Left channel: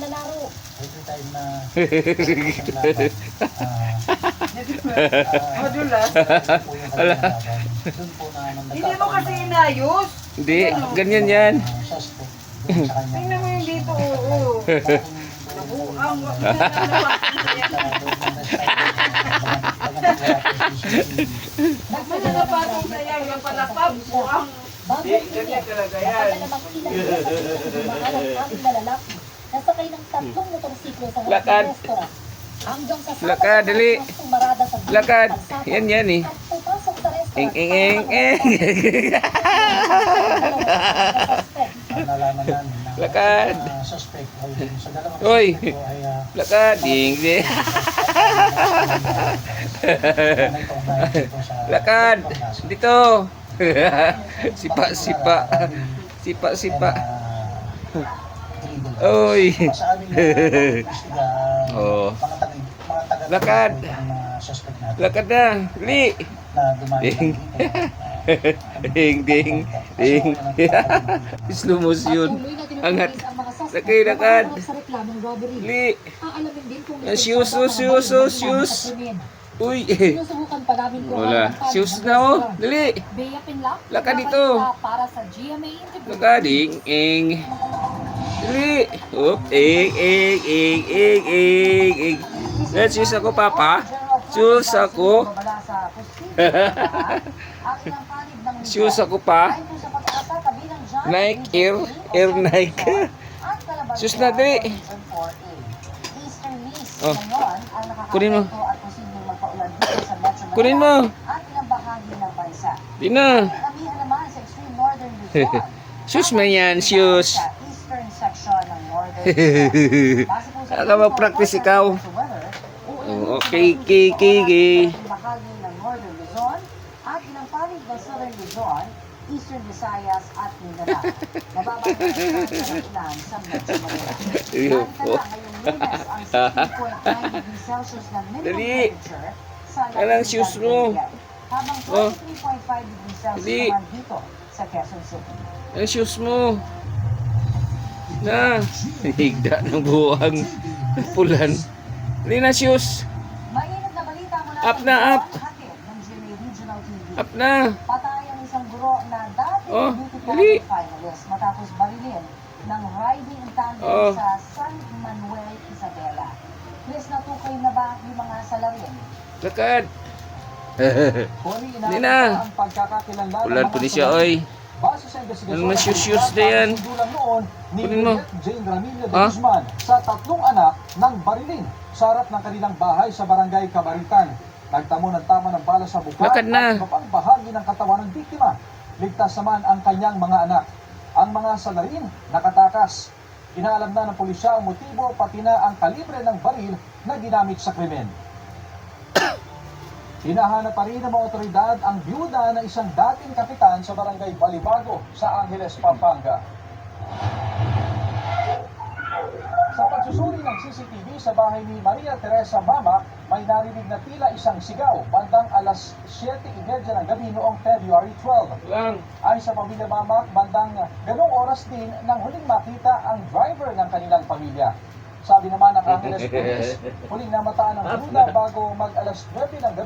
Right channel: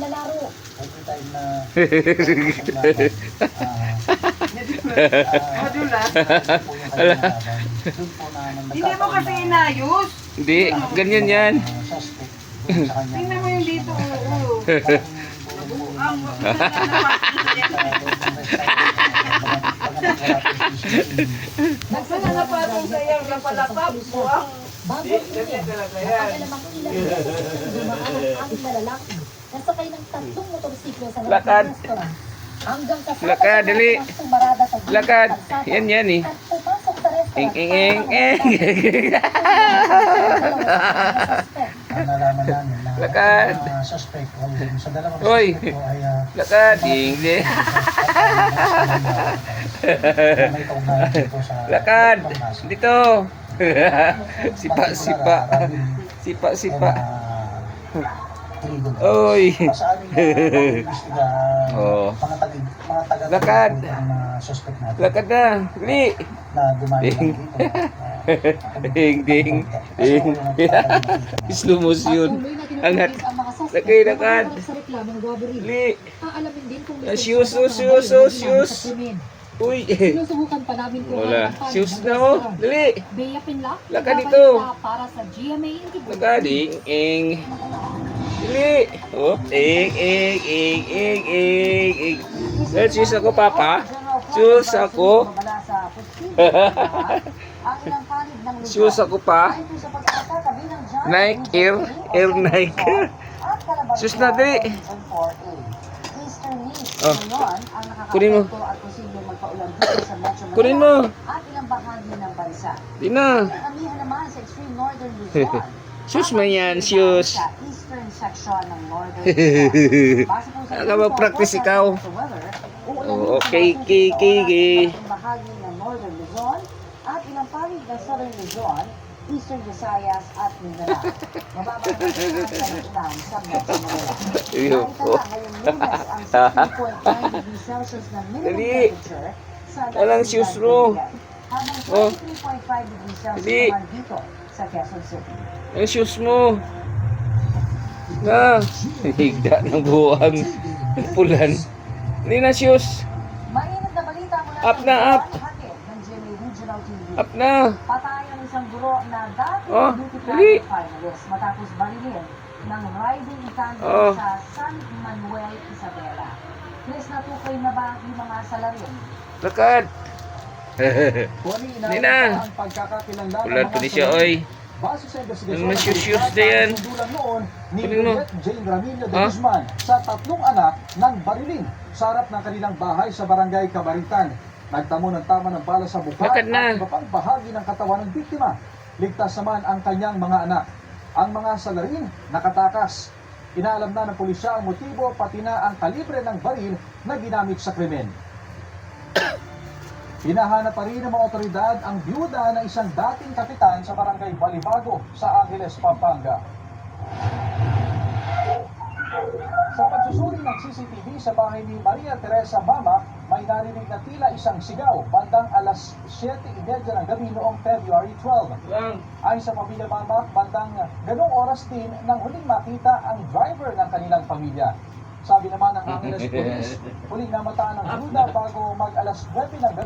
lalaro. Every time na doon po na Hindi mo kasi inayos. Hindi, ganyan yan. suspect doon sa kanya. Tingnan mo yung dito, oo. Ang Basta na patong sa'yo, napalapag mo ang... Bago ulit, napagalamang ilang beses itong dumaan ang aming malalaki. Nasakay ng 3 motorsiklo sa harap Lakad. ng restaurant. Hanggang sa Lakad, dali. marada sa gilid Lakad. ng kalsada. Yan eh. At pumasok sa restaurant. Ang nalaman namin na Lakad. suspect ay sa dalawang Hoy. suspect po ay Lakad. Hindi. may kaugnayan dito sa Lakad. pagmasa. Dito. Sipa. Sipa. Oy. Sa aming imbestiga, Oh. mga taga Lakad. ang suspect natin Lakad na. Dali. na dumali lang dito. Ding. Slow motion. Angat. Laki, lakad. Sa reklamong robbery. Dali. Aalamin din kung Shoes. Uy. Sinusubukan pa namin kung Wala. ang panig Shoes ng na oh. restaurant. Dali. Bea Pinlock, Lakad nagbabalita dito. para sa GMA Integrity. Lakad. Ding. Dali. Up. Ing. Let's shoes ako, Papa. Shoes ako. Shoes ako pa. Nike, Air Nike. Shoes na, dali. Oh. Kunin mo. Kunin mo. At ilang bahagi ng bansa. Di na. Kami naman sa extreme northern Luzon. Shoes man yan, shoes. Sa eastern section ng northern Luzon. Base po sa Aka mag-practice ikaw. sa weather, Oh, okay. ang bahagi ng northern Luzon at ilang panig ng southern Luzon, eastern Visayas at Mindanao. Mabababa ang sa Metro Manila. Iyo po. Nakita na ngayong Lunes ang 16.9 degrees Celsius na minimum Dali. temperature sa Kailang shoes mo. habang Oh. 23.5 degrees Celsius Dali. naman dito sa Quezon City. Ang shoes mo. Na. Higda ng buwang. Pulan. Hindi na shoes. Mainit na balita mula Up sa na, Luzon, up. hatid ng GMA Regional TV. Up na. Patay ang isang guro na dating Oh, beauty dali. pageant finalist matapos barilin ng riding in tandem Oh. sa San Manuel, Isabela. Chris, natukoy na ba yung mga salarin? Lakad. Hindi na. Pulan pa ni siya, oy. Base sa investigasyon Ano naman shoes na yan? Sindulan noon ni Kunin mo. Juliet Jane Ramillo de Ha? Guzman sa 3 anak ng barilin sa harap ng kanilang bahay sa barangay Kabaritan. Nagtamo ng tama ng bala sa buka Lakad na. at iba pang bahagi ng katawan ng biktima. Ligtas naman ang kanyang mga anak. Ang mga salarin nakatakas. Inaalam na ng pulisya ang motibo pati na ang kalibre ng baril na ginamit sa krimen. Hinahanap pa rin ng mga otoridad ang byuda ng isang dating kapitan sa barangay Balibago sa Angeles, Pampanga. Sa pagsusuri ng CCTV sa bahay ni Maria Teresa Mama, may narinig na tila isang sigaw bandang alas 7:30 ng gabi noong February 12. Lang. Ayon sa pamilya Mama, bandang ganong oras din nang huling makita ang driver ng kanilang pamilya. Sabi naman ng Angeles Police, huling namataan ng byuda bago mag alas 9 ng gabi.